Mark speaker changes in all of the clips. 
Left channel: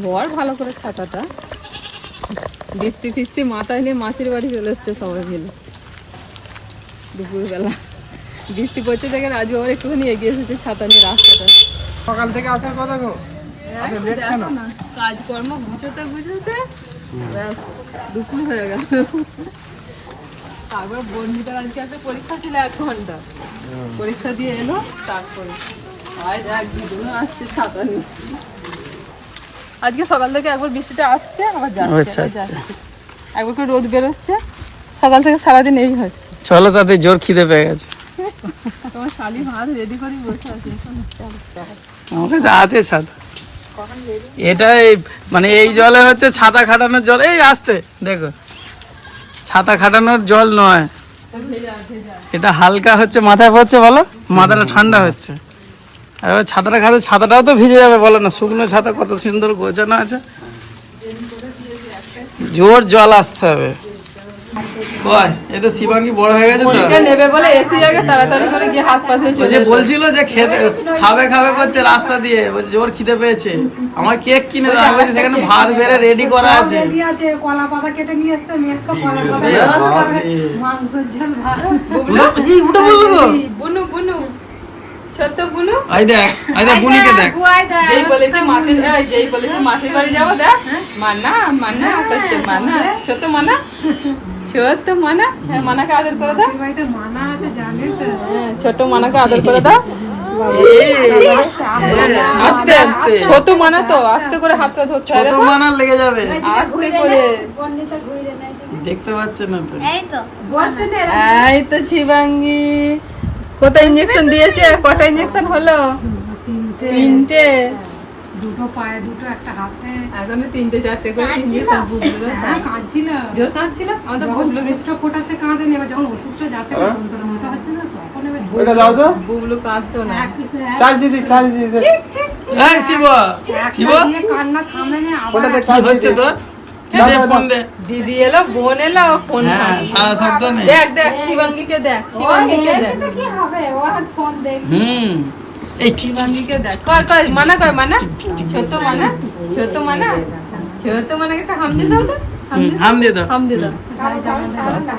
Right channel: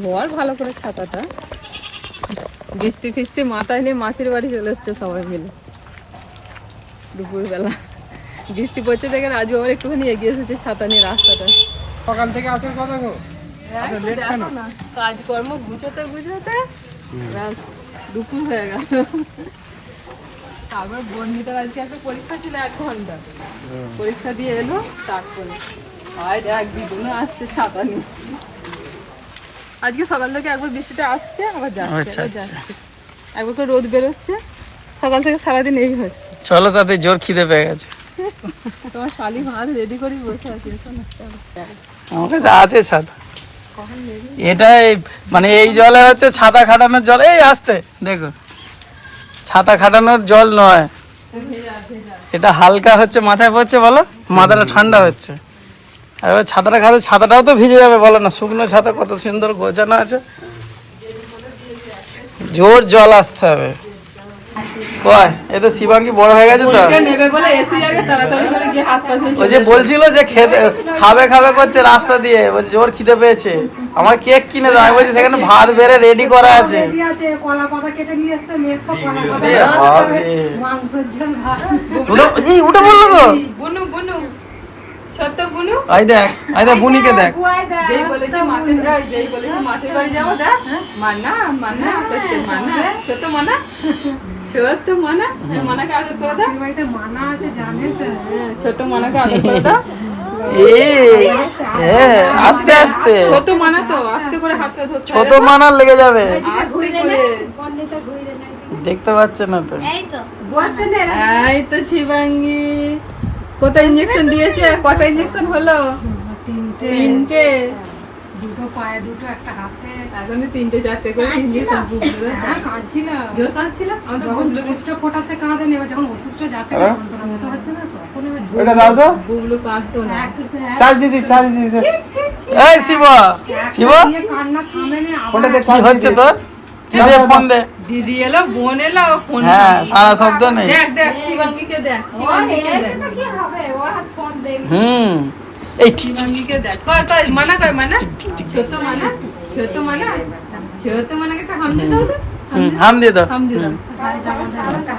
Speaker 1: ধর ভালো করে ছাতাটা। বৃষ্টি ফিষ্টি মাথায় নিয়ে মাসির বাড়ি চলে এসছে সবাই মিলে। দুপুরবেলা। বৃষ্টি পড়ছে দেখে রাজু আবার একটুখানি এগিয়ে এসেছে ছাতা নিয়ে রাস্তাটা।
Speaker 2: সকাল থেকে আসার কথা গো।
Speaker 1: কাজকর্ম গুছোতে গুছোতে দুপুর হয়ে গেল। তারপর বন্ধুটার আজকে একটা পরীক্ষা ছিল এক ঘণ্টা। পরীক্ষা দিয়ে এলো তারপরে আজ এক দুজনে আসছে ছাতা নিয়ে। আজকে সকাল থেকে একবার বৃষ্টিটা আসছে আবার যাচ্ছে
Speaker 3: আচ্ছা, আচ্ছা।
Speaker 1: একবার করে রোদ বেরোচ্ছে সকাল থেকে সারাদিন এই হচ্ছে।
Speaker 3: চলো তাদের জোর খিদে পেয়ে গেছে।
Speaker 1: তোমার শালি ভাত রেডি করে বসে আছে
Speaker 3: আমার কাছে আছে ছাতা। এটা এই মানে এই জলে হচ্ছে ছাতা খাটানোর জল। এই আসতে দেখো। ছাতা খাটানোর জল নয়। এটা হালকা হচ্ছে মাথায় পড়ছে বলো? মাথাটা ঠান্ডা হচ্ছে। আর ছাতাটা খাবে ছাতাটাও তো ভিজে যাবে বলো না। শুকনো ছাতা কত সুন্দর গোছানো আছে। জোর জল আসতে হবে। কয়? এ তো শিবাঙ্গি বড় হয়ে গেছে তো। ওই যে বলছিল যে খেতে খাবে খাবে করছে রাস্তা দিয়ে। বলছে জোর খিদে পেয়েছে। আমার কেক কিনে দাও। বলছি সেখানে ভাত বেড়ে রেডি করা আছে। উঠে বলল
Speaker 1: ছোট্ট বুনু
Speaker 3: আই দেখ আই দেখ বুনিকে দেখ
Speaker 1: যেই বলেছে মাসির যেই বলেছে মাসির বাড়ি যাব দেখ। মানা মানা করছে মানা। ছোট মানা ছোট মানা। হ্যাঁ, মানাকে আদর করে দাও।
Speaker 4: মানা আছে জানে তো।
Speaker 1: হ্যাঁ, ছোট মানাকে আদর করে দাও।
Speaker 3: হ্যাঁ, আস্তে আস্তে।
Speaker 1: ছোট মানা তো আস্তে করে হাতটা ধরতে
Speaker 3: ছোট মানা লেগে যাবে।
Speaker 1: আস্তে করে।
Speaker 3: দেখতে পাচ্ছে না তো?
Speaker 5: এই তো।
Speaker 4: বসছে না
Speaker 1: এই তো শিবাঙ্গি। কত ইঞ্জেকশন দিয়েছে? কটা ইঞ্জেকশন হলো?
Speaker 4: তিনটে।
Speaker 1: তিনটে?
Speaker 4: দুটো পায়ে দুটো একটা হাতে।
Speaker 1: এখন তিনটে চারটে করে ইঞ্জেকশন বুঝলো
Speaker 4: হ্যাঁ কাঁদছিল
Speaker 1: জোর কাঁদছিল আমাদের বুবলু
Speaker 4: ওষুধটা ফোটাচ্ছে কাঁদে নেবে যখন ওষুধটা যাচ্ছে যন্ত্রণা মতো হচ্ছে না তখন
Speaker 2: দাও তো।
Speaker 1: বুবলু কাঁদতো না।
Speaker 2: চার্জ দিদি চার্জ দিদি
Speaker 3: এই শিব! শিব!
Speaker 4: কান্না থামে না আবার
Speaker 3: কি হচ্ছে তোর? চিদে ফোন দে।
Speaker 1: দিদি এলো বোন এলো ফোন
Speaker 3: হ্যাঁ সারা শব্দ নেই।
Speaker 1: দেখ দেখ শিবাঙ্গিকে দেখ শিবাঙ্গিকে দেখ।
Speaker 5: কি হবে? ও আর ফোন দেখ
Speaker 3: হুম। এই।
Speaker 1: দেখ। কর কর মানা কর মানা। ছোট মানা ছোট মানা ছোট মানাকে একটা হাম দিয়ে দাও
Speaker 3: হাম দিয়ে দাও।
Speaker 1: হাম দিয়ে দাও।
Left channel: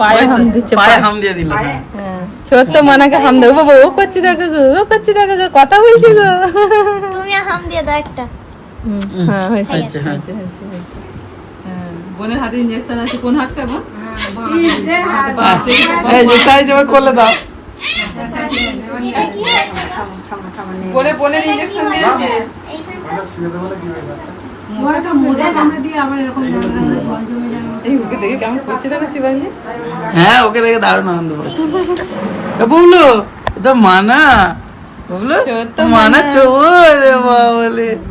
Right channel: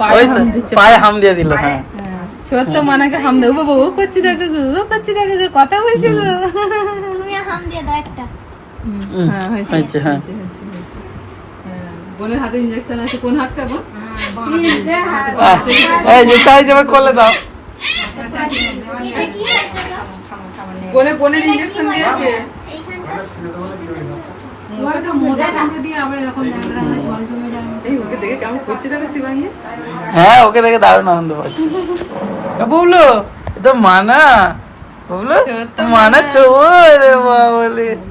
Speaker 1: পায়ে হাম দিচ্ছে
Speaker 3: পায়ে হাম দিয়ে দিল হ্যাঁ।
Speaker 1: হ্যাঁ, মানাকে হাম দেবো বাবা ও করছি দেখো গো ও করছি দেখো গো কথা বলছি গো।
Speaker 5: তুমি হাম দিয়ে দাও একটা।
Speaker 1: হ্যাঁ হয়েছে
Speaker 3: হ্যাঁ।
Speaker 1: বোনের হাতে ইঞ্জেকশন আছে কোন হাত কেমন
Speaker 3: আহ, এই যে চাইছে এবার করলে দাও।
Speaker 5: এটা
Speaker 1: বোনের ইঞ্জেকশন দিয়েছে।
Speaker 4: হয়,
Speaker 1: ওকে দেখে কেমন করছি দেখো
Speaker 3: হ্যাঁ ওকে দেখে দারুণ আনন্দ পাচ্ছি। এ বুবলু এ তো মানা
Speaker 1: সত্য
Speaker 3: মানা চলে আয়। আয়,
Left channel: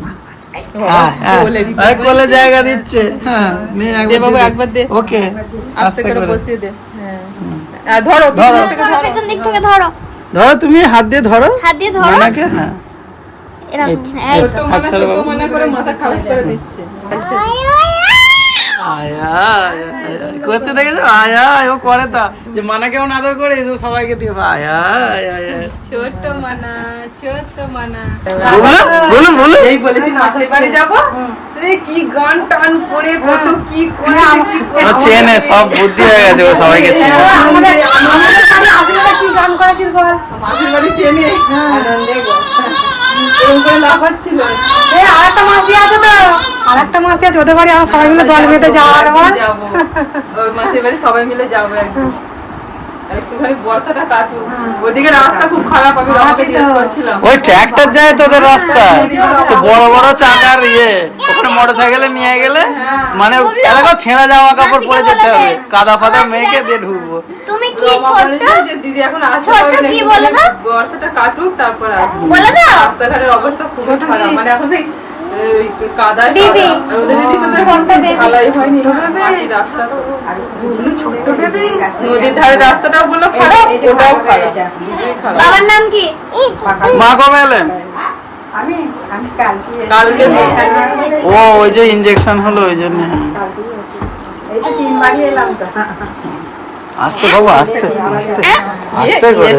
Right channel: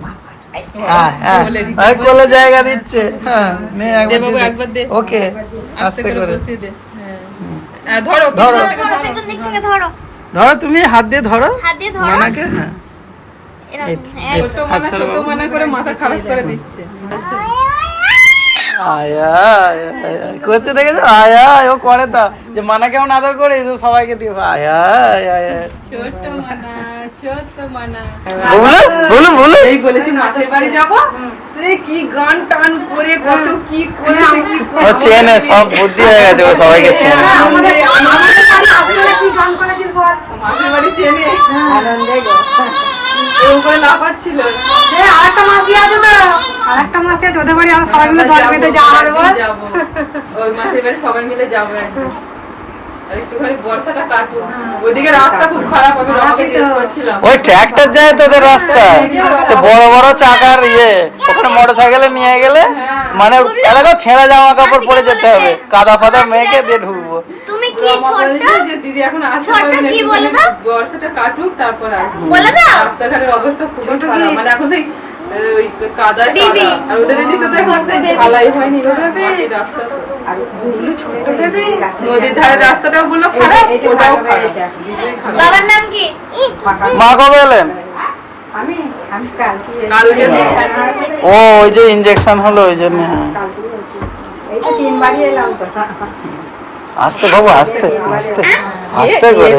Speaker 3: কোলে জায়গা দিচ্ছে। হ্যাঁ নে একবার দে। ওকে আস্তে করে
Speaker 1: বসিয়ে দে। হ্যাঁ। আর ধরো
Speaker 3: ধরো।
Speaker 1: ধরো।
Speaker 5: পেছন দিক থেকে ধরো।
Speaker 3: ধরো তুমি হাত দিয়ে ধরো।
Speaker 5: হাত দিয়ে ধরো।
Speaker 3: মানাকে হ্যাঁ।
Speaker 5: এরকম হ্যাঁ।
Speaker 3: হাত ছাড়ো
Speaker 1: মানা করে মাথা খারাপ করে দিচ্ছে।
Speaker 3: আয়। করছে দেখেছ? আয় আয় ও করে তা। যে মানা কেমন আদর করে এই সবাইকে দিয়ে আয় আয় আয় আয়।
Speaker 1: ছোট মানা ছোট মানা। এই বলেছি মাসির বাড়ি যাব। সে কি গান টান করে কত কি করে
Speaker 3: ও চেনে সব বুদ্ধি হয়ে গেছে ও সবাইকে চেনে।
Speaker 4: কি গান করেছিল বল
Speaker 1: মাসির বাড়ি চেনে। এরকম করে লাফাচ্ছিল।
Speaker 4: এ আরেকটা মাসি আছে তো আরেকটা মাসি আছে ওদের বাড়ি সবাই মিলে দল বেঁধে যাওয়া
Speaker 1: যাব ওই মাসির বাড়ি সবাই মিলে যাব একদিন। আর একটুখানি বর্ষাটা কাটুক। ওইদিকে রাস্তা খুব খারাপ আমি রমাকে জিজ্ঞেস করছিলাম।
Speaker 3: ওই ট্র্যাক্টর যায় তোদের রাস্তা। সে বড় বড় চাকার ইয়ে। ওখানে মোটর সাইকেলে নিয়ে গেলে মানে এলাকা ছেঁড়া জামা কাপড় পরে যেতে হবে। কাদা ফাদা মেয়েকে দিয়ে ঢুকবো।
Speaker 1: দিদি এখন? বর্ষাটা কাটুক তারপর আসবে। রাস্তাঘাটের অবস্থা খুবই খারাপ। মানে এখন সেই ওই কাদায় কাদা। আর ওদের এদিকটাতে ঢালাই হয়নি। মাটির রাস্তা। তো। নদীর ধারে রাস্তাটাও গুলো খারাপ ওটাও খারাপ।
Speaker 5: বাবার নাম কি?
Speaker 3: মা কবে এলেন? ও। ওই যে ইঞ্জেকশন হলো ওই জন্য হ্যাঁ। আস্তে বাবু আস্তে আস্তে আস্তে করে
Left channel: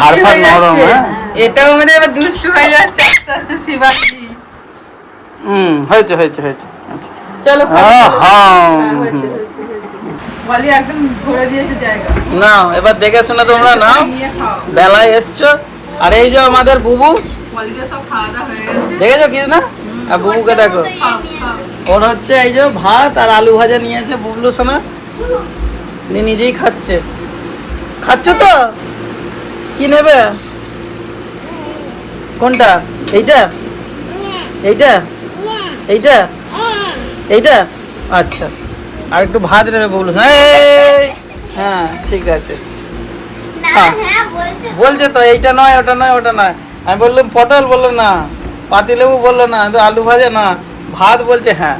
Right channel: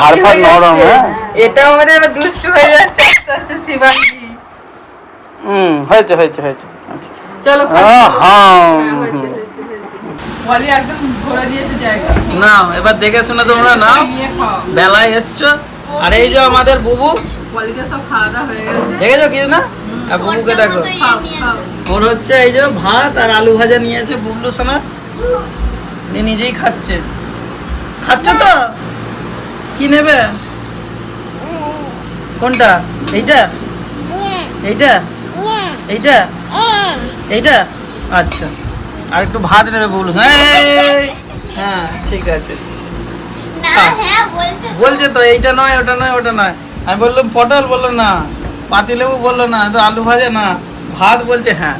Speaker 3: হাড় ফাড় নরম। হ্যাঁ।
Speaker 1: এটা আমাদের দুষ্টু হয়ে যাচ্ছে আস্তে আস্তে শিবাঙ্গি
Speaker 3: হুম হয়েছে হয়েছে হয়েছে আচ্ছা
Speaker 1: চলো
Speaker 3: আহা,
Speaker 1: হয়েছে, হয়েছে, হয়েছে। বলি একদম ধরে দিয়েছে জায়গা।
Speaker 3: নাও এবার দেখে শুনে তোমরা নাও। বেলায় এসছো। আর এই যে আমাদের বুবু।
Speaker 1: হয়ে
Speaker 3: দেখেছ কি না? আর বুবুকে দেখো। ওর হচ্ছে এই যে ভাত আর আলু ভাজা নিয়েছে বুবলু সোনা। উনি নিজেই খাচ্ছে। খাচ্ছ তো? কি নেবে? কোনটা? এইটা? এইটা? এইটা? এইটা? আচ্ছা। আর একটু ভাত নেবে বুবলু হ্যাঁ ঠিক আছে। হ্যাঁ।
Speaker 5: হ্যাঁ বলছে।
Speaker 3: বলছে তো এইটা নয় ওটা নয় ওটা নয়। আমি বললাম পটল? বলল না। পাতিলেবু? বলল না। তো আলু ভাজা না। ভাত বলছে হ্যাঁ।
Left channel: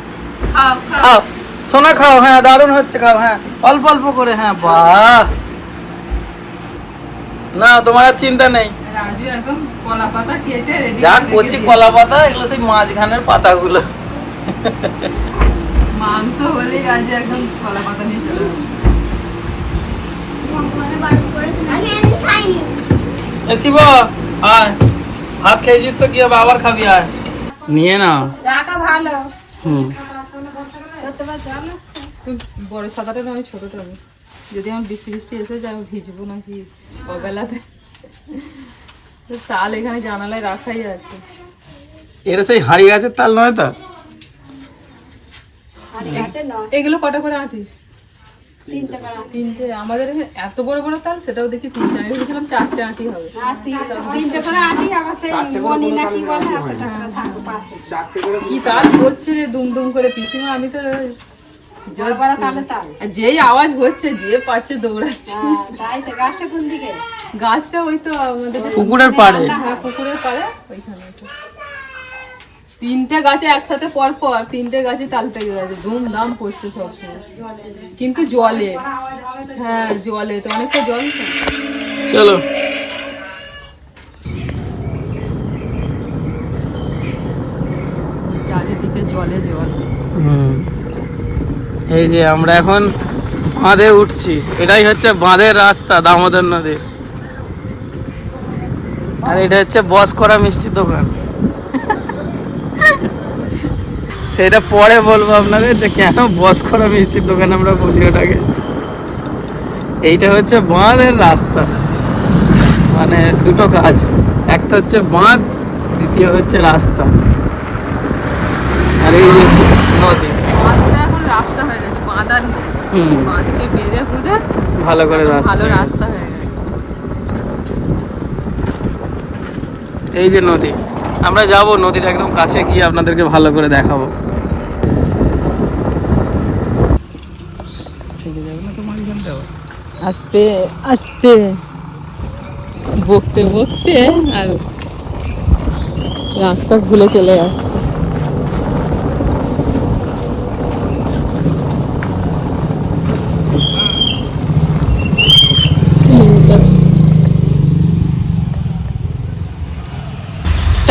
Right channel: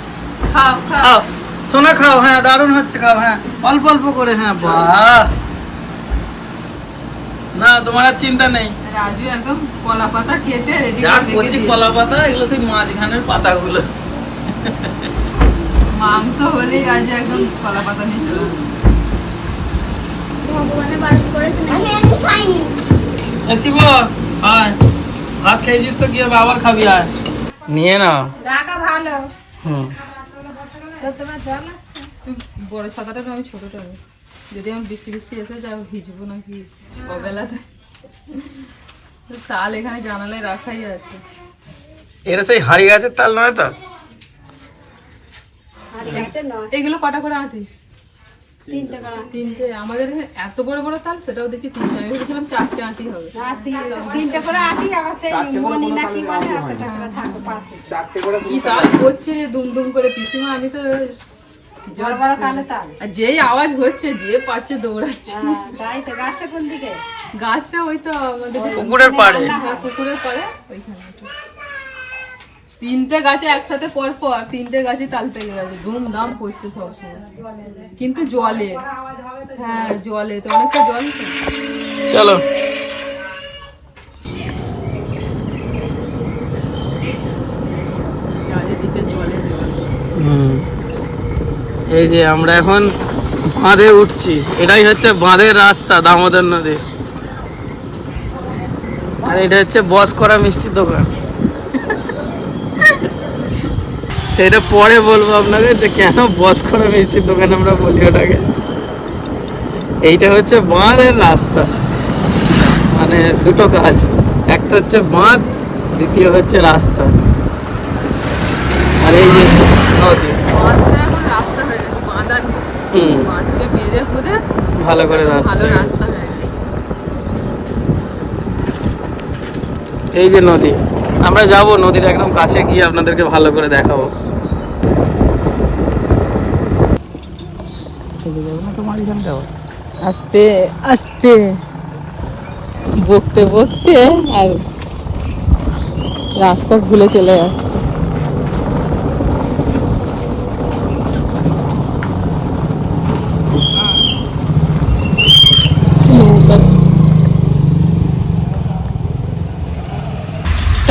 Speaker 1: খাও।
Speaker 3: সোনা খাও হ্যাঁ দারুণ হচ্ছে খাও হ্যাঁ। অল্প অল্প করে হ্যাঁ বাহ। না তোমার আর চিন্তা নেই।
Speaker 1: রাজু একদম কলা পাতা কেটে
Speaker 3: যা কচি। কলা পাতা এগুলো সেই মাঝখানের পাতাগুলো।
Speaker 1: মাংস হলেই রাজু একদম কলা পাতা নিয়ে চলে
Speaker 3: শিব আয়। ভাত খেয়েছিস তো কি হবে? আবার খাবি আয়। নিয়ে না।
Speaker 4: রাখা ভালো।
Speaker 3: হুম।
Speaker 1: বড় ছাতাটা আমি ছোটটা নেই। যদি আমার বৃষ্টি বৃষ্টি এসে যায় আমি ভিজবো নাকি অবেলাতে? তাল এখানে জানালায় রাখাই আছে।
Speaker 3: এটা সেই হাঁড়ি গাছের তাল নয় তো?
Speaker 1: এগুলো কটা করে আঁটি?
Speaker 4: তিনটে
Speaker 1: আমাদের এত বড় বড় তাল সেটাও দেখছি তিনটে। আমি ভেবেছিলাম চারটে আঁটি হবে।
Speaker 4: তিনটে। করে আটি আবার সেই মনি না কি বলে
Speaker 2: চারটে করে
Speaker 1: তাল? রে দুম দুম করে পিসিমা আমি তো
Speaker 4: বড় বড় কালো তাল।
Speaker 1: আর যেই আওয়াজ হচ্ছে যে পাচ্ছে দৌড়াচ্ছে।
Speaker 4: হ্যাঁ, তাই তো গাছটা কোন দিকে?
Speaker 1: গাছটা ওই তো আমাদের
Speaker 3: পুকুরের পাড়ে।
Speaker 1: হ্যাঁ পুকুরের পাড়ে ওইখানে তিনটে গাছে একসাথে পর পর তিনটে গাছে তাল পেকে গেছে ধুম ধাম পড়ছে সবসময় কিন্তু জলে হ্যাঁ জলে তো অনেকটা জল
Speaker 3: চলো।
Speaker 1: চারিদিকে জলে জল।
Speaker 3: এই যে আমরা এখন বাঁধে উঠছি এটাই হচ্ছে বাঁধের রাস্তা দামোদর নদীর। আর এটা হচ্ছে বস করা মিষ্টির দোকান। সেটা পরে বলব আপনাকে যে কেন বস করা মিষ্টির দোকান আমরা বলি ওটাকে। এইটা হচ্ছে বাঁধের রাস্তা। মানে দুটো কাজ। একটা হচ্ছে বাঁধ দ্বিতীয় হচ্ছে রাস্তা। আর এই নদী।
Speaker 1: রাস্তা হয়ে গেছে বাঁধ আর নেই।
Speaker 3: ভালো করে রাস্তা
Speaker 1: ভালো রাস্তা হয়ে গেছে
Speaker 3: এই যে নদী আমরা যাব নদীর একদম কাছে গিয়ে আপনাদেরকে ভালো করে দেখাবো।
Speaker 1: আস্তে আস্তে। বকতে বকতে আর রাস্তা ভুলে চলে যাচ্ছে।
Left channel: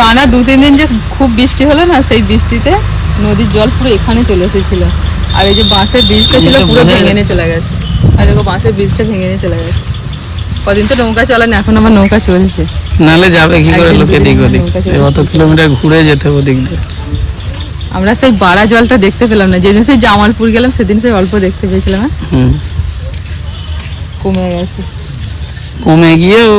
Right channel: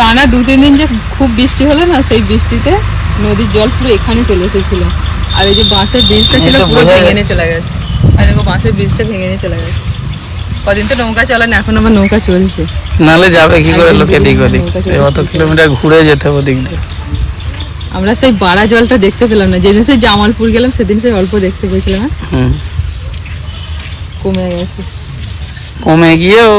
Speaker 1: টানা দু তিন দিন যে খুব বৃষ্টি হলো না সেই বৃষ্টিতে নদীর জল পুরো এখানে চলে এসেছিল। আর এই যে বাঁশের ব্রিজটা ছিল পুরো ভেঙে নিয়ে চলে গেছে। আর দেখো বাঁশের ব্রিজটা ভেঙে নিয়ে চলে গেছে। কদিন তো নৌকা এখন আবার নৌকা চলছে।
Speaker 3: নালে যাবে কি করে লোকে দিক ওদিক
Speaker 1: নৌকা চড়ে
Speaker 3: এই অত কিলোমিটার ঘুরে যেতে হবে ওদিক দিয়ে।
Speaker 1: আমরা সেই বাড়া জলটা দেখতে পেলাম না যেদিন সেই জামালপুর গেলাম সেদিন সেই অল্প দেখতে পেয়েছিলাম হ্যাঁ? কমে গেছে।
Speaker 3: কমে গিয়েও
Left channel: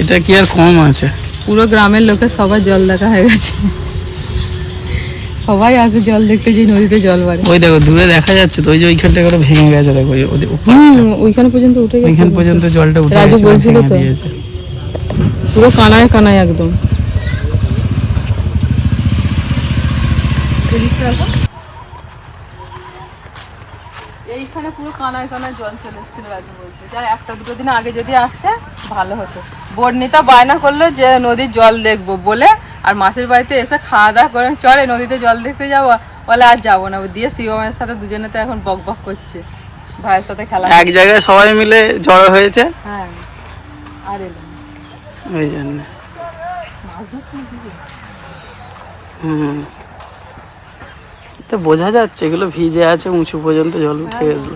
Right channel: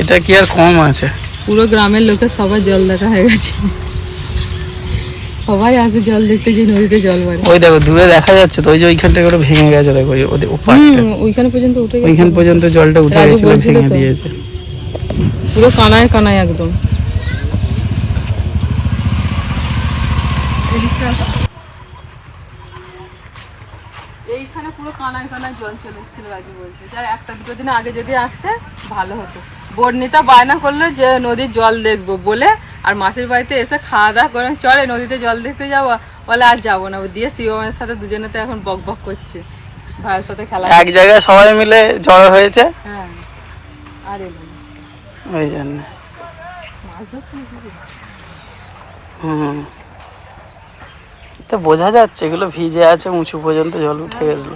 Speaker 3: এটা কি আর কম আছে?
Speaker 1: পুরো গ্রামের লোকের সবার জল দেখা হয়ে গেছে। সবাই আসে জল দেখতে যে নদীতে জল বাড়ে
Speaker 3: ওই দেখো দূরে দেখা যাচ্ছে তো ওই যে ওইখানটা করে ভেঙে গেছে দেখো
Speaker 1: ওইখানে পর্যন্ত উঠে গেছে
Speaker 3: ওইখান পর্যন্ত জলটা উঠে গেছে ভেঙে। দিয়েছে।
Speaker 1: পুরো কানায় কানায় একদম। এইখানে পুরো কানায় কানায় জল চলে এসেছিল রাজু বলছে। যার একটা দুটো দিন আগে যদি আসতে ভালো হতো। বর্ণিতা বায়না করল যে নদীর জল দেখব বলে আর মাসির বাড়িতে এসে খাওয়া দাওয়া করে চলে নদীতে জল দেখতে যাব বলে আর যাব না। দিয়ে শিবমের সাথে দুজনে তো এখন বক বক করছে। ভাইয়ের সাথে খেলা
Speaker 3: এক জায়গায় সবাই মিলে জড়ো হয়েছে।
Speaker 1: হ্যাঁ আর এলো না।
Speaker 3: ওই জন্য। হুম। তো বোঝা যাচ্ছে, এগুলো ভিজে আছে, উঁচু পর্যন্ত জল উঠে গেছিল।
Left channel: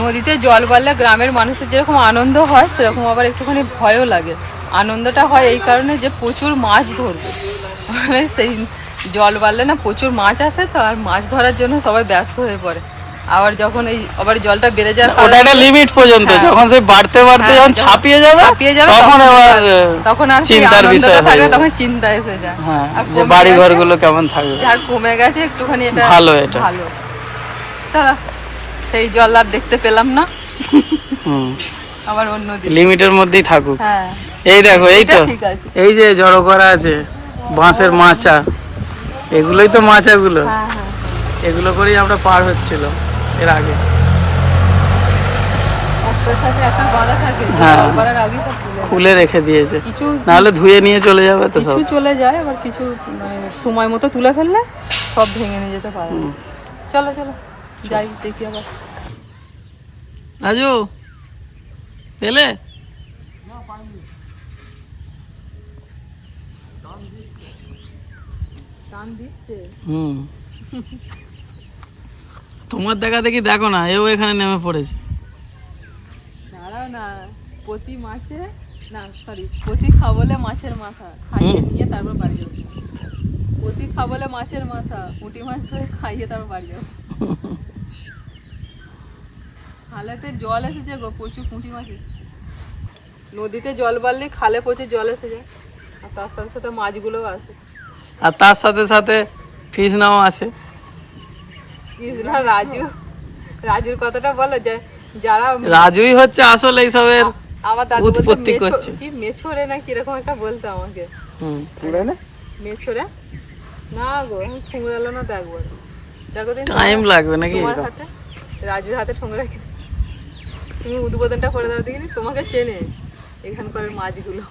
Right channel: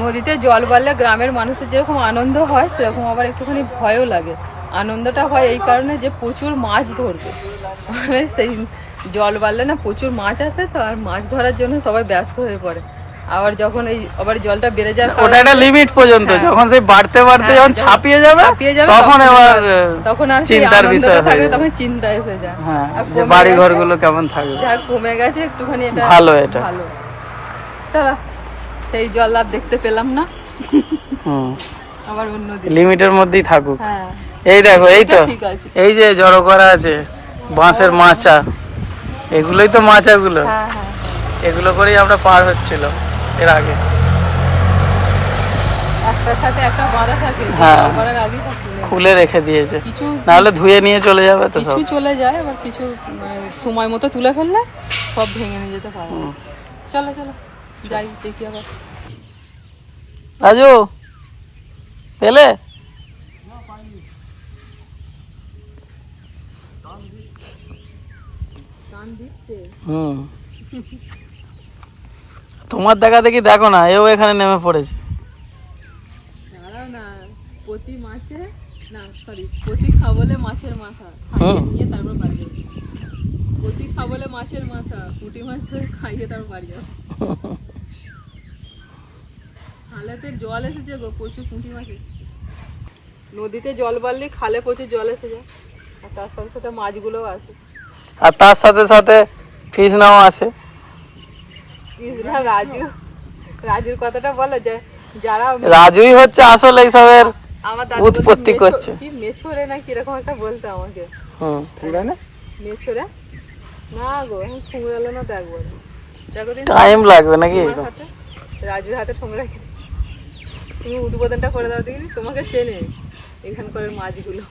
Speaker 1: নদীতে জল বাড়লে গ্রামের মানুষের যেরকম আনন্দ হয়, সেরকম আবার একটুখানি ভয়ও লাগে। আনন্দটা হয় এই কারণে যে প্রচুর মাছ ধরবে। মানে সেই জল বাড়লে না প্রচুর মাছ আসে, তো আর মাছ ধরার জন্য সবাই ব্যস্ত হয়ে পড়ে। আবার যখন এই আবার জলটা বেড়ে যায়
Speaker 3: ওটা একটা লিমিট পর্যন্ত
Speaker 1: হ্যাঁ।
Speaker 3: যখন সেই বাড়তে বাড়তে
Speaker 1: হ্যাঁ,
Speaker 3: যখন ছাপিয়ে যাবে
Speaker 1: ছাপিয়ে যাবে
Speaker 3: তখন এবার
Speaker 1: তখন আর
Speaker 3: চিন্তার বিষয় হয়ে
Speaker 1: থাকবে তখন চিন্তা এসে যায়।
Speaker 3: হ্যাঁ যে বাড়ি। ঘরগুলো কেমন থাকবে?
Speaker 1: যাক কমে গেছে একটুখানি এটা
Speaker 3: ভালো এটা।
Speaker 1: ভালো। সেই জল আর দেখতে পেলাম না।
Speaker 3: হুম।
Speaker 1: আবার অন্য
Speaker 3: লিমিটের মধ্যেই থাকুক।
Speaker 1: হ্যাঁ।
Speaker 3: এই দেখো এই তো। এই যে জড়ো করা আছে বাঁশের মাচা। এগুলোই তো মাচাগুলো।
Speaker 1: হ্যাঁ হ্যাঁ।
Speaker 3: এগুলো করেই আমরা পার হচ্ছিল এর আগে। হ্যাঁ। খুলে রেখে দিয়েছে। নাহলে ধুয়ে নিয়ে চলে যাবে তো
Speaker 1: কিছু চলে যায় আবার কিছু মানে সময় মতো তুলে ফেললে সব ভেঙে নিয়ে যেতে পারে। চলো চলো যাই দেখি আবার।
Speaker 3: রাজু পেলে? হুম। তোমার দেখা দেখি দেখো না এও এখানে নেমে পড়েছে।
Speaker 1: দাঁড়াও না প্রতি মাছে না সরি প্রতি খাবলে মাছের মাথা খাইয়ে নিয়ে তারপর বাড়ি যাব। প্রতি খাবলে মাছের মাথা পুঁটি মাছ ধরে খাইয়ে তারপর বাড়ি যাব। খালেতে জল এসেছে গো প্রচুর পুঁটি মাছ নদীতে জল বাড়লে খালে প্রচুর জল এসে যায় আর তার সাথে সাথে মাছগুলোও আসে।
Speaker 3: আর তার সাথে সাথে কৃষ্ণাও
Speaker 1: ইসরা রাজু। রাজুর কথাটা বলো যে যারা
Speaker 3: রাজুই হচ্ছে আসলে এইসবের
Speaker 1: আমার দাদু বলতো
Speaker 3: উৎপত্তি করছে।
Speaker 1: কি মেছরে না কীরকম একটা বলতো আমাকে?
Speaker 3: হুম।
Speaker 1: মেছরে? না গো ঠুংরালো না তো একবার। দেখো দিন
Speaker 3: টাইম লাগবে নাকি
Speaker 1: রাজুর হাতে ঠুংরা তুমি উদ্বোধনটা করে দাও দেখিনি? তোমাকে চেনে এখানকার মাছগুলো।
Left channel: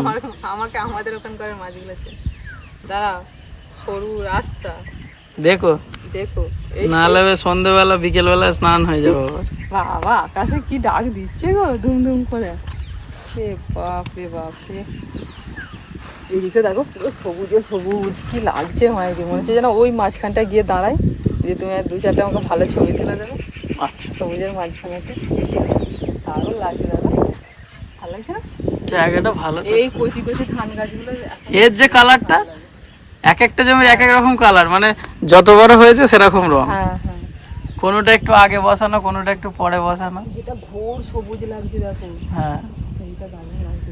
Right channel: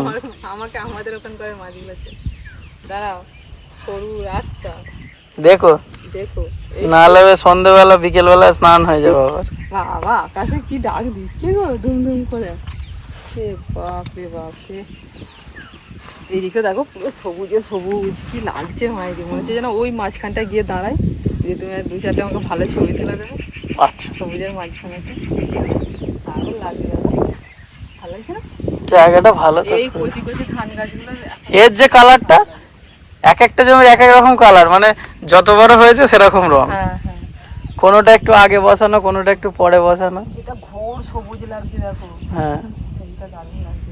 Speaker 1: আমার আমাকে আমাদের ওখানকার মাছগুলো চেনে। দাঁড়া সরু রাস্তা।
Speaker 3: দেখো
Speaker 1: দেখো এই
Speaker 3: নাহলে সন্ধ্যেবেলা বিকেলবেলা স্নান হয়ে যাবে আবার।
Speaker 1: বাবা আকাশে কি ডাক দিচ্ছে গো ধুম ধুম করে। রে বাপ রে বাপ রে এইদিকে দেখো পুরো সবুজে সবুজ কি লাগছে মায়ের মনে হচ্ছে যেন ওই মাঝখানটা গিয়ে দাঁড়ায়। যে তুমি দু চারটে আমাকে ভালো ছবি তুলে দেবে।
Speaker 3: আচ্ছা।
Speaker 1: সবুজের মাঝখানেতে। দারুণ লাগছে দাদা। ভালো লাগছে না?
Speaker 3: জায়গাটা ভালো
Speaker 1: এই কচি কচি ধান গাছগুলো
Speaker 3: এর যে কালারটা এক একটা জমির এক এক রকম কালার মানে যত বড় হয়েছে সেরকম রং।
Speaker 1: হ্যাঁ হ্যাঁ।
Speaker 3: কোনোটা একটু আগে বসানো কোনোটা একটু পরে বসানো।
Speaker 1: যেটা ঘোর সবুজ লাগছে দেখো।
Speaker 3: হ্যাঁ।
Speaker 1: সেইটা দারুণ লাগছে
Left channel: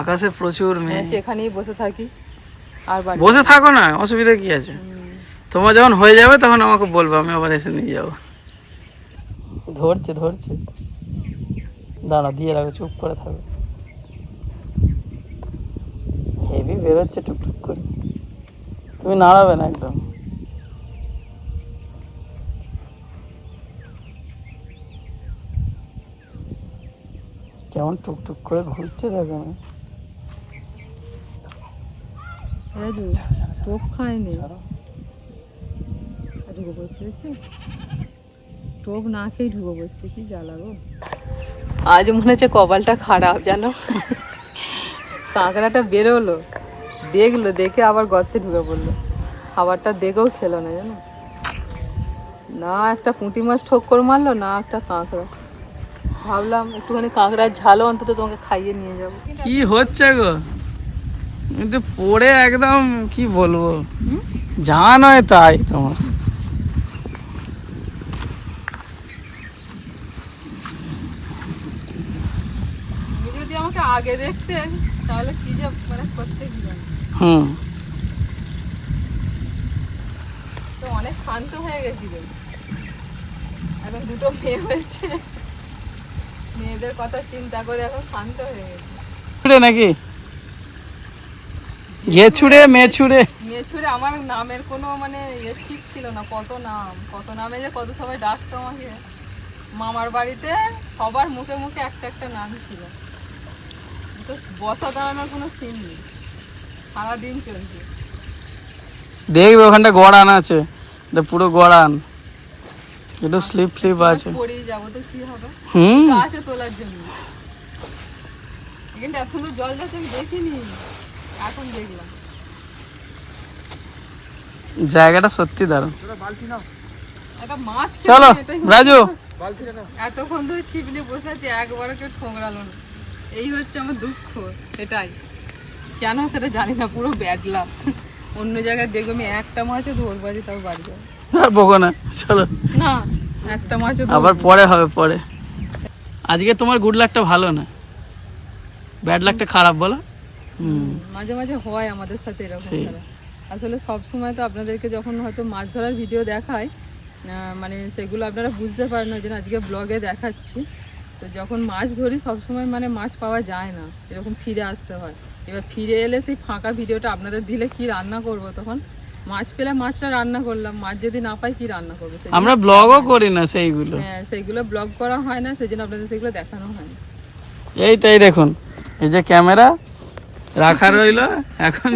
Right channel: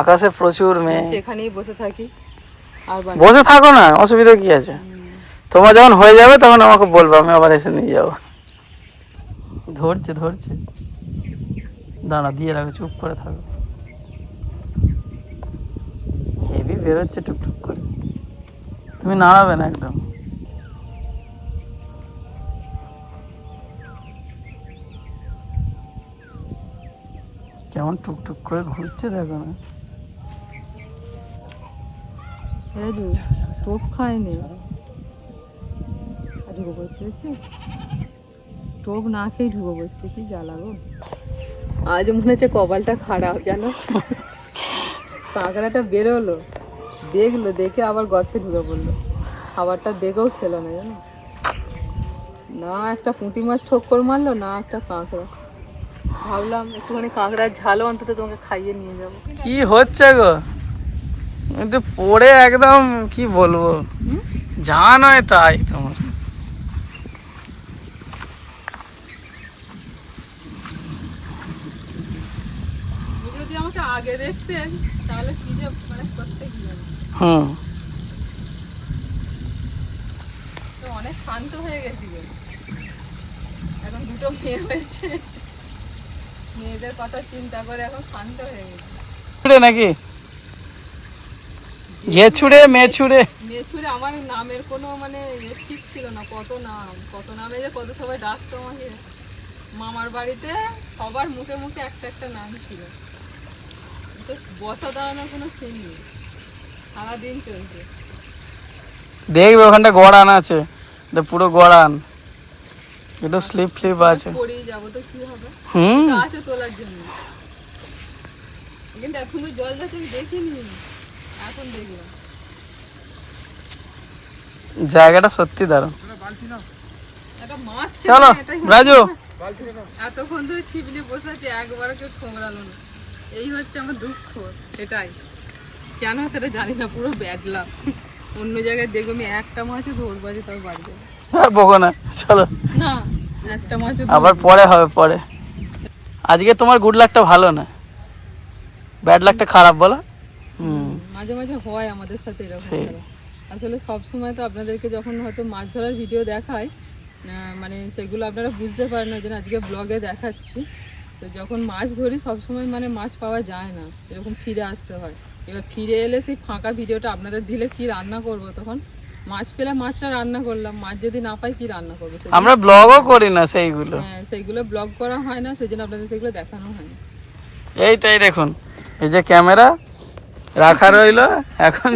Speaker 3: আকাশে প্রচুর মেয়ে
Speaker 1: এখানেই বসে থাকি। আর
Speaker 3: বসে থাকো না অসুবিধা কি আছে? তোমার যখন হয়ে যাবে তখন আমাকে বলব আমি আবার এসে নিয়ে যাব। ধরছে ধরছে। দাঁড়া দিয়ে রাখো চুপ করে থাকো। হেভি বেরোচ্ছে টুকটুক করে। তুমি নাড়াবে না একদম। কেমন টুকটুক করে ঘুরছে দেখো।
Speaker 1: রাজু টোপ খায়নি। আর ঢুকে পড়ছে টোপ না খেয়ে ঢুকে পড়ছে কি জ্বালা গো। আজ মনে হচ্ছে কপালটা খারাপ জানো? কাঁকড়াটা বেরোলো। দেখল দেখে আবার গর্তে ঢুকে পড়ল। খাবারটা দেখেও খেলো না জানো? না একটা পুঁটি মাছ ঠোক্কর মারলো না একটা কাঁকড়া। ভাবলাম একটুখানি কাঁকড়ার ঝালও অন্তত তোমাকে খাইয়ে নিয়ে যাব।
Speaker 3: কি হচ্ছে গো? কিন্তু পড়ে একদম কি বলব? যা নয় তাই তোমার।
Speaker 1: যদি আমাকে আগে দেখতেন তাহলে কি যে মানে করতে গেলাম
Speaker 3: হুম।
Speaker 1: তো অনেক শান্ত হয়ে গেছিল এখন দুটো মেয়ে হয়েছে। মেয়েদের কথা চিন্তা করে এখন শান্ত হয়ে গেছে।
Speaker 3: ছুড়ে নাকি? ঘে ছুড়ে মেয়ে ছুড়ে।
Speaker 1: মেয়ে আমার নামের কোনো মানে ঠিক ছিল না কত নাম? কত নামে যে কত সবাই ডাকতো আমাকে। মামার বাড়িতে সবার মুখে মুখে একটা একটা নাম ছিল। বসা দাঁড়ানোর কোনো সিন নেই। সারাদিন চলছে।
Speaker 3: দেখবে ওখানটা গড়ান আছে। এটা পুরো গড়ান। একটু স্লিপ ফ্লিপ আছে।
Speaker 1: পড়েই যাব তো কি হবে?
Speaker 3: হুম।
Speaker 1: আছে তোলার জন্য। কিন্তু এত সুন্দর জল যাচ্ছে দেখিনি। এখন দেখলাম।
Speaker 3: জায়গাটা সত্যি দারুণ।
Speaker 1: খেয়ে
Speaker 3: চলো রাজু।
Speaker 1: এতক্ষণ ধরে ছিপলি বসে আছে একবারও কেউ ঠোকরালো না। এই হচ্ছে আমার দুঃখ এটাই। কেন সেটা জানি না পুরো ব্যাড লাভ অন্য জায়গায় দেখবে আমি একটা মাছও ধরবো আজ তাও বাড়ি যাব।
Speaker 3: আর বকো না চলো।
Speaker 1: না একটা মাছও
Speaker 3: আবার পরে হবে পরে। আজকে তোমার গুড লাকটা ভালো না? ব্যাড লাকটা খারাপ বলো।
Speaker 1: মাঝে মাঝে হয় আমাদের সাথে এরকম। আসলে সব সময় তো আপনাদেরকে যখন হয়তো মাছ ধরার ভিডিও দেখায় মানে সেগুলো আপনারা বুঝতে পারেন না যে আজকে ব্লগে দেখাচ্ছি। তো যখন মাছ ধরি সব সময় মানে মাছ পাওয়া যায় না এরকম ফিরে আসতে হয়। এবার ফিরে এলে সেই ফাঁকা ভিডিওটা আপনাদের দিলে কি রান্না করব তখন? মাছ পেলে মাছটা রান্না করলাম মাছ যদি না পাই কি রান্না করব
Speaker 3: আমরা ব্লগও করি না সেইগুলো।
Speaker 1: হ্যাঁ সেইগুলো ব্লগ করা হয় না সেই জন্য আপনাদের সেগুলো দেখানো হয় না
Speaker 3: এই তো এই দেখুন এই যে ক্যামেরা রাখা রইল এখন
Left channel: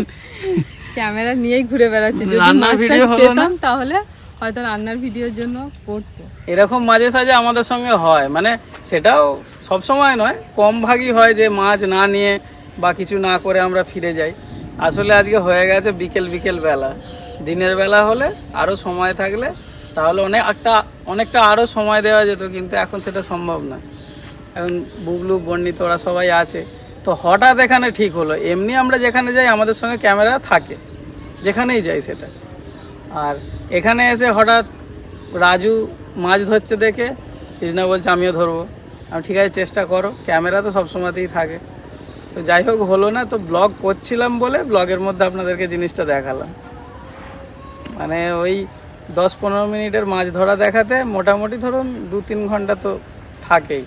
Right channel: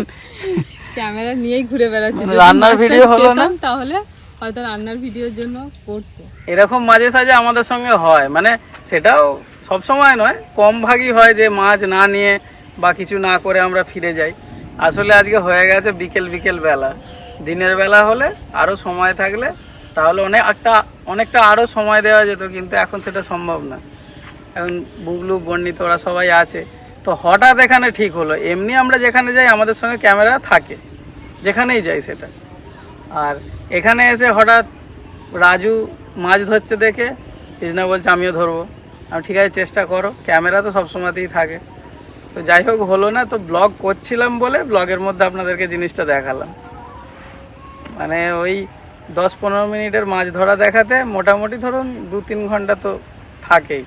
Speaker 1: ক্যামেরা নিয়েই ঘুরে বেড়াচ্ছি।
Speaker 3: রান্নার
Speaker 1: ভিডিও
Speaker 3: হলো না?
Speaker 1: তাহলে হয়তো রান্নার ভিডিওর জন্য করতো।
Speaker 3: এরকম মাঝে সাঝে আমাদের সঙ্গে হয় মানে সেটাও সব সময় নয় কম ভাগই হয় যে মাছ না নিয়ে বা কিছু না করে আমরা ফিরে যাই। আসলে আজকে হয়ে গেছে বিকেল বিকেল বেলা। দিনের বেলা হলে আরও সময় থাকলে তাহলে অনেক একটা, অনেকটা আরও সময় দেওয়া যেত, কিন্তু এখন সেটা সম্ভব না। এখন বুবলু, বর্ণিত, ওরা সবাই আছে। তো হঠাৎ এখানে ঠিক হলো। এমনি আমরা যেখানে যাই, আমাদের সঙ্গে ক্যামেরা থাকে। যেখানেই যাই সেটা। আর এখানে এসে হঠাৎ রাজু মাছ ধরছে দেখে, কৃষ্ণা বলছে, আমিও ধরবো। আমি ঠিক আছে, চেষ্টা করো। ক্যামেরা তো সবসময়তেই থাকে। তো যাই হোক হলো না তো ব্লগ করছিলাম বলে ব্লগের মধ্যে আপনাদেরকে জিনিসটা দেখালাম। মানে ওই দশ পনেরো মিনিটের মাছ ধরা দেখাতে মোটামুটি ধরুন দু তিন ঘণ্টা তো থাকেই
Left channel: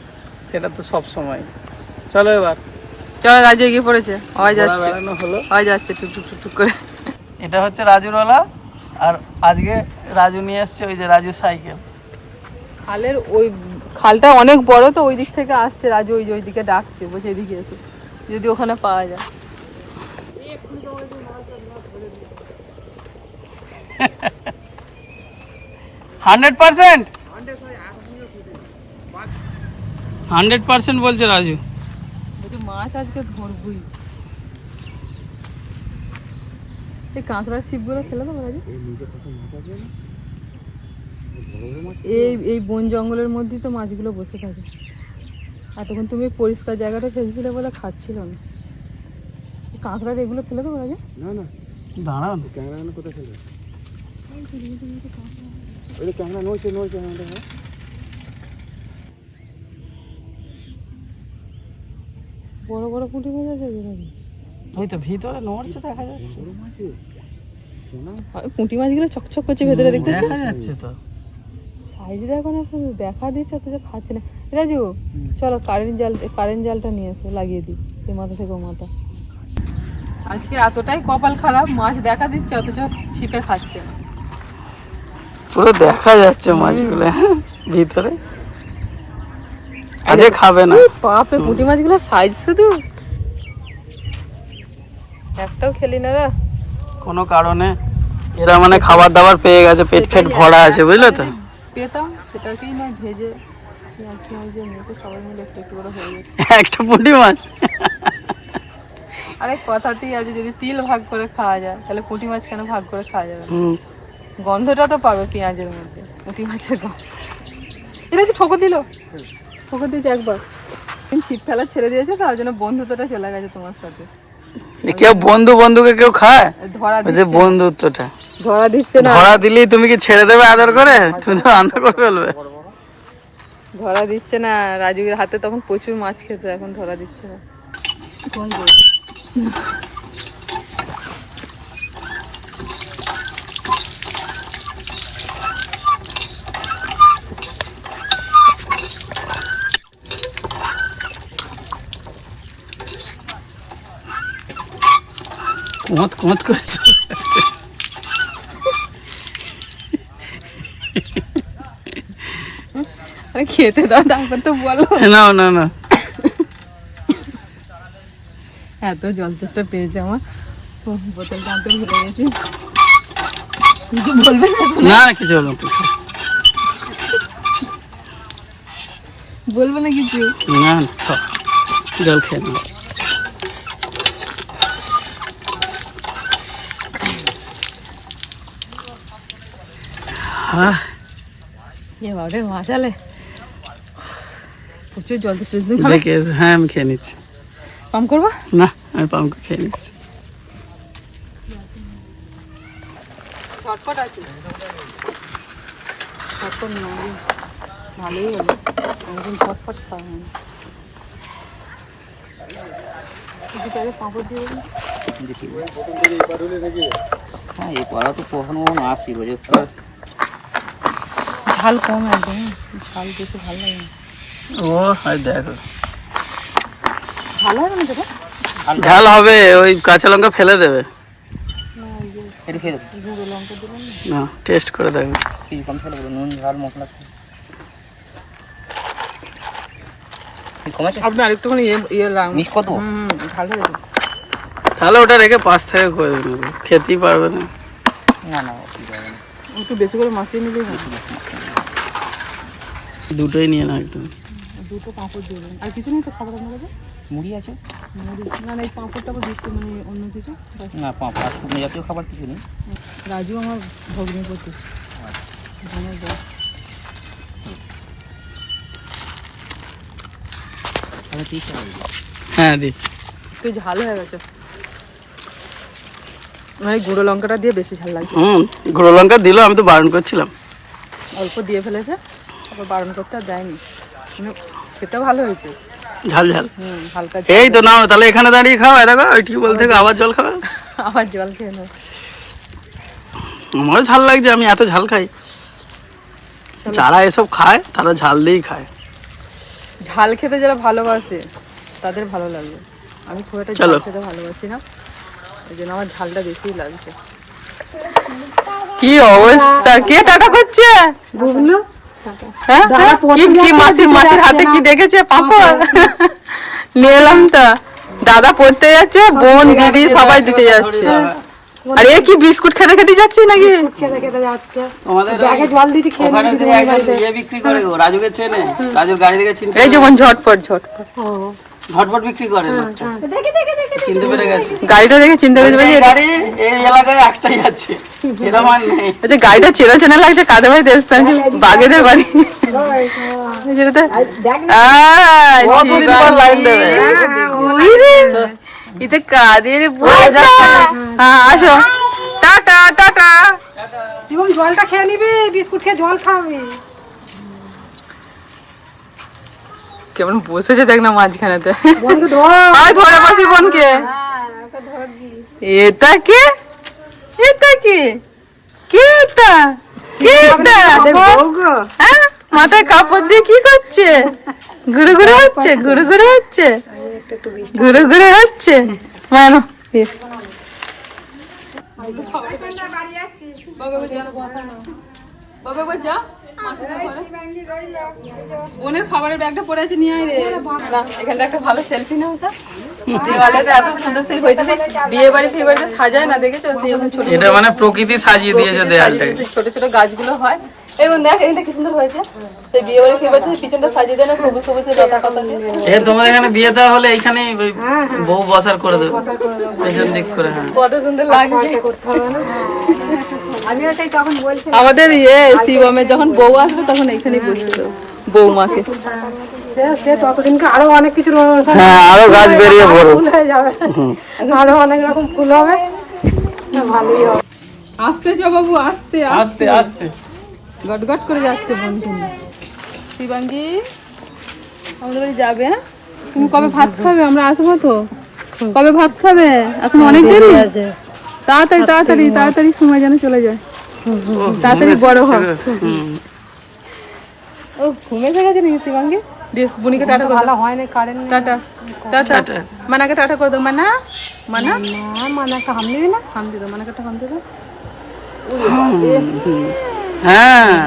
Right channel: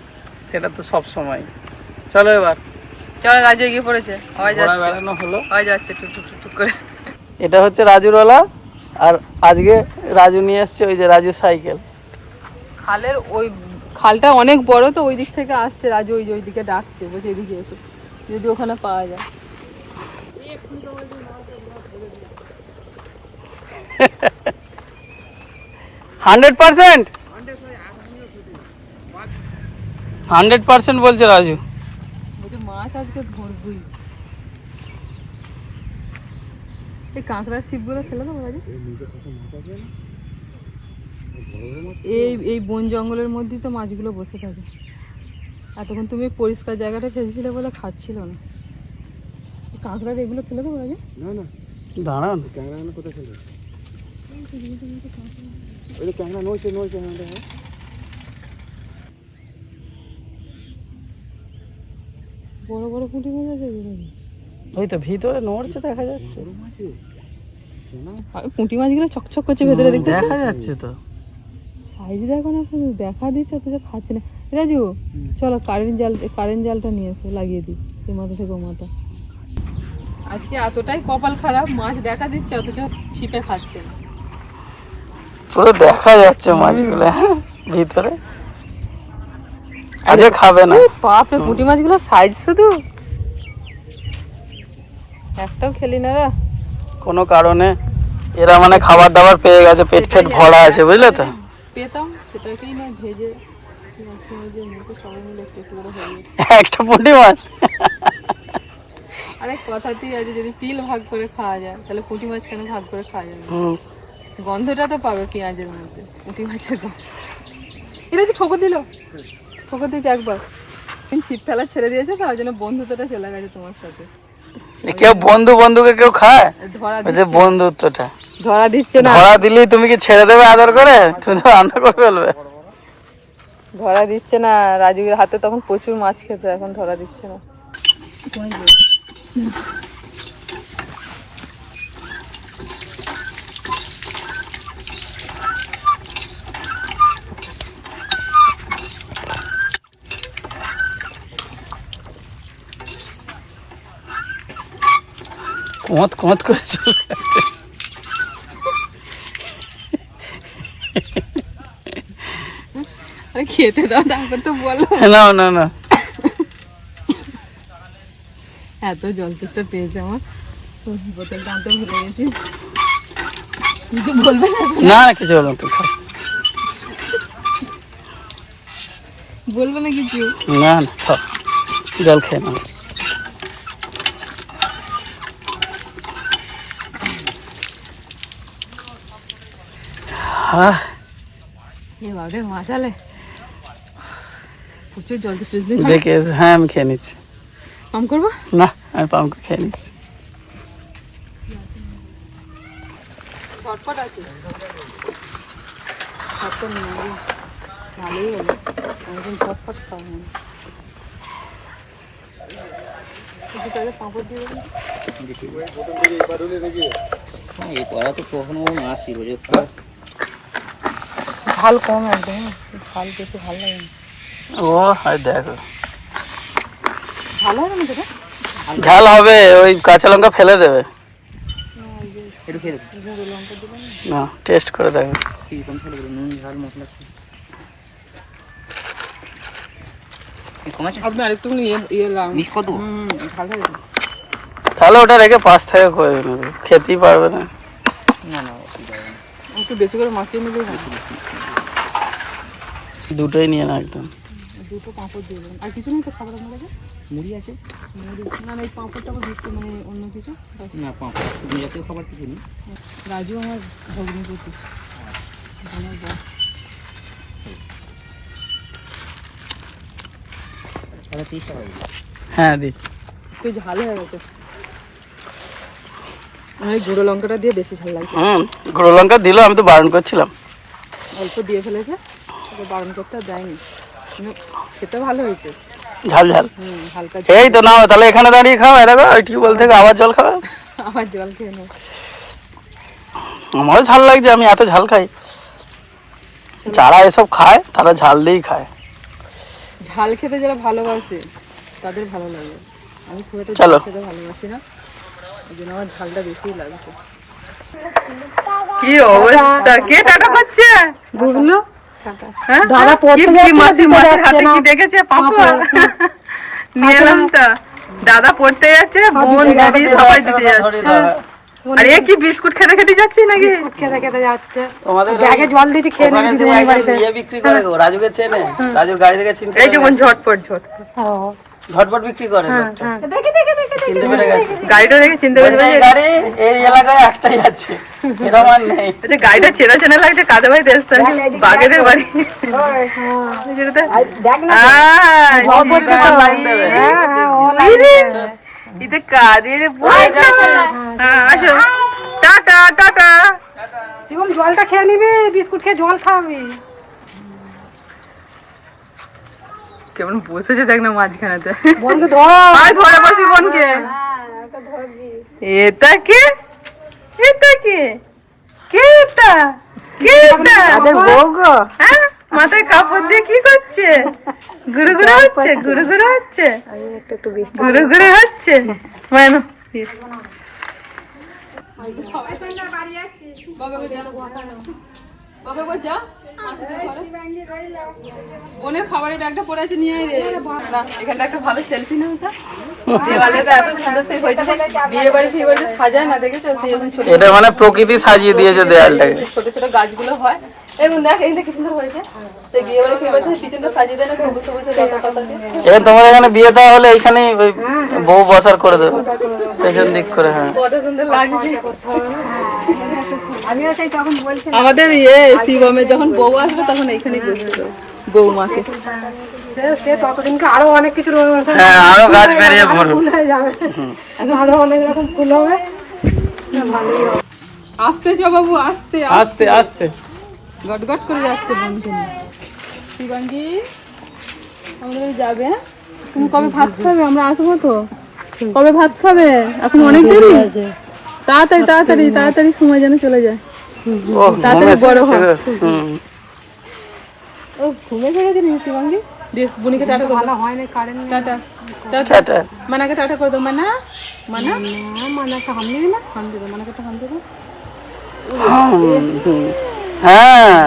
Speaker 3: সেটা তো সব সময়। চলো এবার।
Speaker 1: চলো রাজু এগিয়ে পড়েছে। যাচ্ছে
Speaker 3: ঘোড়া বেড়ানো
Speaker 1: যাচ্ছে টুক টুক টুক টুক করে।
Speaker 3: এটা হচ্ছে রাজুরওয়ালা আর আজকে রাজু নিয়ে এসছে ওই যে রাজুর সাইকেল।
Speaker 1: খালের ওই খালটা অনেক বড় তো ওই দিক থেকে আসছে রাজু ওই যে ওই দিকে ডাকছে বলছে এদিকে এসে। যদি ওখানে পাওয়া যায়।
Speaker 3: Hundred percent? হান্ড্রেড পার্সেন্ট বলছে রাজু।
Speaker 1: মাছ আজকে ধরবই। এই কাঁকড়ার ছিপগুলো ফেলে দেবো রাজু? এই এই বন জঙ্গলের মধ্যেই তো মাছগুলো বসে থাকে। আর তখন তুমি পরিষ্কার জায়গাটা ফেলছিলে বলে খাচ্ছিল না। কাঁকড়ার এগুলো ফেলে দেবো রাজু
Speaker 2: না না।
Speaker 3: দাঁড়ান
Speaker 2: এখানে কোথায় ফেলবে ওই যে ক্যামেরা নড়ছে নড়ছে আমাদের হ্যাঁ
Speaker 1: বড় বড় পুঁটি মাছ আছে
Speaker 3: ওই তো ভিতরে নড়ছে দেখা যাচ্ছে।
Speaker 1: পুঁটি মাছগুলো চকচক করছে ভেতরে
Speaker 3: দেখা যাচ্ছে তো।
Speaker 1: সাইজ দেখো না শুধু দেখা দিচ্ছে অথচ খাচ্ছে না। রাজু চলো কারেন্ট জাল কারেন্ট জালটা নিয়ে এসো লাগিয়ে দিই এ মাথা থেকে ও মাথা। আজকে এতটাই কপাল খারাপ মাছ দেখা দিচ্ছে অথচ ছিপে খাচ্ছে না।
Speaker 3: পুরো দেখা যাচ্ছে মাছগুলো ভিতরে। আজকে খাবে না।
Speaker 1: বাপরে পুঁটি মাছগুলো সাইজ শুধু। একটাও খেলি না
Speaker 3: কোনো কারণে এরা মানে খাবার দাবার পেয়ে গেছে পেট ফেট ভরা আছে বুঝলে তো?
Speaker 1: পেতাম সেটাকেই না ভেজে সবাই মিলে একটু একটু করে হয়ে
Speaker 3: একটা পুঁটি মাছ?
Speaker 1: আরে কথাতেই আছে যদি তিল ভাগ করে খাওয়া যায় তাহলে পুঁটি মাছ কেন ভাগ করে খাওয়া যাবে গন্ধটা তো পাবে পেঁয়াজের মধ্যে পুঁটি মাছের গন্ধ। এটা কি ঠোকর দিল? ঠোকর দিয়েছে একবার। তুমি ছিপ ফেলা ছেড়ে দিয়েছে তো ওই জন্য বন্ধুত্বটা চলে গেছে তোমার সাথে।
Speaker 3: কেউ বন্ধু বন্ধুকে কেউ খায়?
Speaker 1: ধরা
Speaker 3: যে বন্ধুত্বটা।
Speaker 1: ধরা দিচ্ছে না।
Speaker 3: ধরা দিলেই তুমি কি ছেড়ে দেবে আদর করে? তুমি তো রান্না করে ফেলবে।
Speaker 1: ধরা দিচ্ছে না। রাজুর হাতে তখন প্রচুর মাছ খেত এখন ধরা দিচ্ছে না।
Speaker 3: কোঁত কোঁত করে চলছে
Speaker 1: আরে খেতে দাও তারপর তো বলো
Speaker 3: না না না
Speaker 1: এত জল তেষ্টা পেয়েছে আমার ও, বোতলটা আনতে ভুলে গেছি কিছু বলবে না
Speaker 3: না না কিছু বলব না, তুমি খাও।
Speaker 1: বলবে না কিছু
Speaker 3: না না খাও জল খেয়ে নাও হ্যাঁ
Speaker 1: এ বাবা মাচালে প্রচুর জল তো
Speaker 3: দিন দেখে হ্যাঁ আমি খেয়ে নিচ্ছি।
Speaker 1: পাম্প করব?
Speaker 3: না আমি পাম্প খেয়ে নিচ্ছি।
Speaker 1: শর্টকাট আছে। শর্টকাট না ভালোই হলো। পাঁপড় দিয়ে
Speaker 2: হ্যাঁ এই পাড়া তো কখনো কখনো আসি রোজ
Speaker 1: ঝাল কম একদম ঝাল বেশি ভালো লাগে না।
Speaker 3: ও হয় দেখো।
Speaker 1: ভালো না
Speaker 3: ঝাল হবে ওই কাঁচা লঙ্কা ফেলে দেবে। না টেস্ট করে দেখো।
Speaker 2: কি কম ফেলে দেবো নুন ঝাল মশলা।
Speaker 1: আপনি আরেকটুখানি ইয়ে ইয়ে
Speaker 3: তাহলে ওটা রেখে পাঁচ থেকে করে নেবে খেতেই পারবে না।
Speaker 2: না না
Speaker 1: একটু বেশি করে মাখিয়ে
Speaker 3: দুটোই নিয়ে না একদম।
Speaker 1: দুটো পাঁপড় দিয়ে দেবেন। আর কিছু নেই তো খাবার আপনার কাছে?
Speaker 2: মুড়ি আছে।
Speaker 1: মুড়ি। না এই পাঁপড় টাপড় বিস্কুট মানে অন্য কিছু?
Speaker 2: না পাঁপড় শুকনো জাতীয় খাবার কিছু নেই।
Speaker 1: রাজু আমার ভগ্নিপতি আমার
Speaker 3: হ্যাঁ দিচ্ছি।
Speaker 1: একটু ঝাল হয়ে গেছে। গুঁড়ো লঙ্কাটা দিয়ে বেশি ঝাল লাগছে।
Speaker 3: হুম গুঁড়ো লঙ্কা দিল আমি তো বারণ করছিলাম।
Speaker 1: অল্প দিয়ে ফেলেছে। বারণ করতে আর যায়নি। মানে খেতে ভালো হয়েছে।
Speaker 3: ঝাল ঝাল।
Speaker 1: হালকা
Speaker 3: এই তো নাও তাহলে এখানে দাঁড়িয়ে খাও। দেখো ওই টিউবওয়েল থেকে আবার জল খাও
Speaker 1: আবার জল খেয়ে নেব
Speaker 3: আমারও ঝাল লাগছে আমি এত ঝাল খাই। যারা এসব খায় তারা ঝাল দিয়েই খায়।
Speaker 1: ঝাল খেতে যারা ভালোবাসে তাদের ভালো লাগে। আমি খুব একটা ঝাল খেতে ভালোবাসি না। ওই জন্য আমার ঝালটা বেশি লাগছে।
Speaker 3: কি অবস্থা? কে টাটা করছে কি মাসির মাসির হাতে কি দেখেছে? পাপড় নিয়ে এলাম তো। দাদা পড়তে যাচ্ছে বোন দিদি সবাই দিতে যাচ্ছে। আর এ কি বিস্কুট খেতে খেতে যাচ্ছি নাকি?
Speaker 4: খেতে খেতে যাচ্ছে।
Speaker 3: তোমাদের
Speaker 4: ব্যাগে জল দিয়েছি খেয়ে
Speaker 3: ওখানে সেই একজন ইয়ে বিক্রি করে গো রাজুকে চেনে। রাজুর গাড়ি থেকে চিনতে
Speaker 1: এই যেমন ঝটপট ঝটপট।
Speaker 3: ঝটপট বিক্রি করে লোকটা। চিনতে পেরে গেছে।
Speaker 1: গাড়িটা দেখে চিন্তা
Speaker 3: বলছে, এই গাড়ি এই এলাকায় একটাই আছে। এরকম আর নেই।
Speaker 1: যে গাড়িটা চেনা চেনা লাগছে কাদের বাড়িতে এসছে আমি বাগেদের বাড়ি? যেটাতে
Speaker 3: পর
Speaker 1: এটা কাদের আসো। Tata tata.
Speaker 4: জীবন জলটা খেয়ে নিবি বিস্কুট খেয়ে জল খাওয়াবি।
Speaker 1: কেমন বসেছে দেখ না মাঝখানেতে।
Speaker 4: ধরো।
Speaker 1: বসি বোনকে। এটা কে? এটা কে? কে এটা? কে এটা? হ্যাঁ? মাথায় কাপড় দিয়ে কি করছে? ঘুরে ঘুরে হচ্ছে ঘুরে ঘুরে হচ্ছে। ঘুরে ঘুরে হচ্ছে। মানো বোনের খাবারের ব্যাগটা পড়ে আছে নিয়ে আয় রে। এখানটা একটা ভালো সেলফি নেই তো এত সুন্দর সেই হয়েছে বিয়ে বাড়ি বাড়িতে সাজায় না দেখেছ? সেই ছোট
Speaker 3: এটা মানে প্রকৃতি সাজিয়ে দিয়েছে দেয়ালটাকে।
Speaker 1: সেই ছোট ছোট গাছগুলো হয়। এবং দেখ এইটা কি সুন্দর হয়েছে। সেই বিয়ে বাড়ি বাড়িতে পিছনটা সাজিয়ে দেয় না সবুজ সবুজ লতা পাতা
Speaker 3: তোমাদের এখানে বিয়েতে হলে এইখানে ওই বউ বসার করে দেবো। পেছন দিক করে হ্যাঁ।
Speaker 1: কত সুন্দর লাগছে।
Speaker 4: আমি তাই তখন বলছি
Speaker 1: আমাদের ইয়ে শিবমের যখন বউ আসবে তখন এইখানেই বসতে দেবো বৌমাকে
Speaker 4: আরও অনেক কিছু
Speaker 3: হ্যাঁ আরও গাছ বেরিয়ে
Speaker 4: ফুল হয়ে যাবে। আরও অনেক রকম ফুল হবে। ভালোই হবে।
Speaker 1: আসতে চ বাবু আসতে
Speaker 3: আস্তে। আস্তে
Speaker 1: গট গট করে যাচ্ছে বন্ধু। শিবাঙ্গি আমাদের বাড়ি যাবে হ্যাঁ? তুমি কবে ভাত খাবে? আমরা আসব তো। কবে ভাত খাবে? এখন অনেক দেরি? তাড়াতাড়ি তাড়াতাড়ি তাড়াতাড়ি সময় যেন চলে যায়।
Speaker 3: ও
Speaker 1: তাড়াতাড়ি বড় হয়। ও ঘুমে থেকে গেছে নাকি শিবাঙ্গি? বুনিকে টাটা করে দাও।
Speaker 4: না কারেন্ট
Speaker 1: টাটা টাটা।
Speaker 3: টাটা।
Speaker 1: মানাকে টাটা করে দাও। মানা মানা।
Speaker 4: না মানে হাম দিবি না?
Speaker 1: হাম দাও মানাকে টাটা হাম দিয়ে
Speaker 3: হ্যাঁ।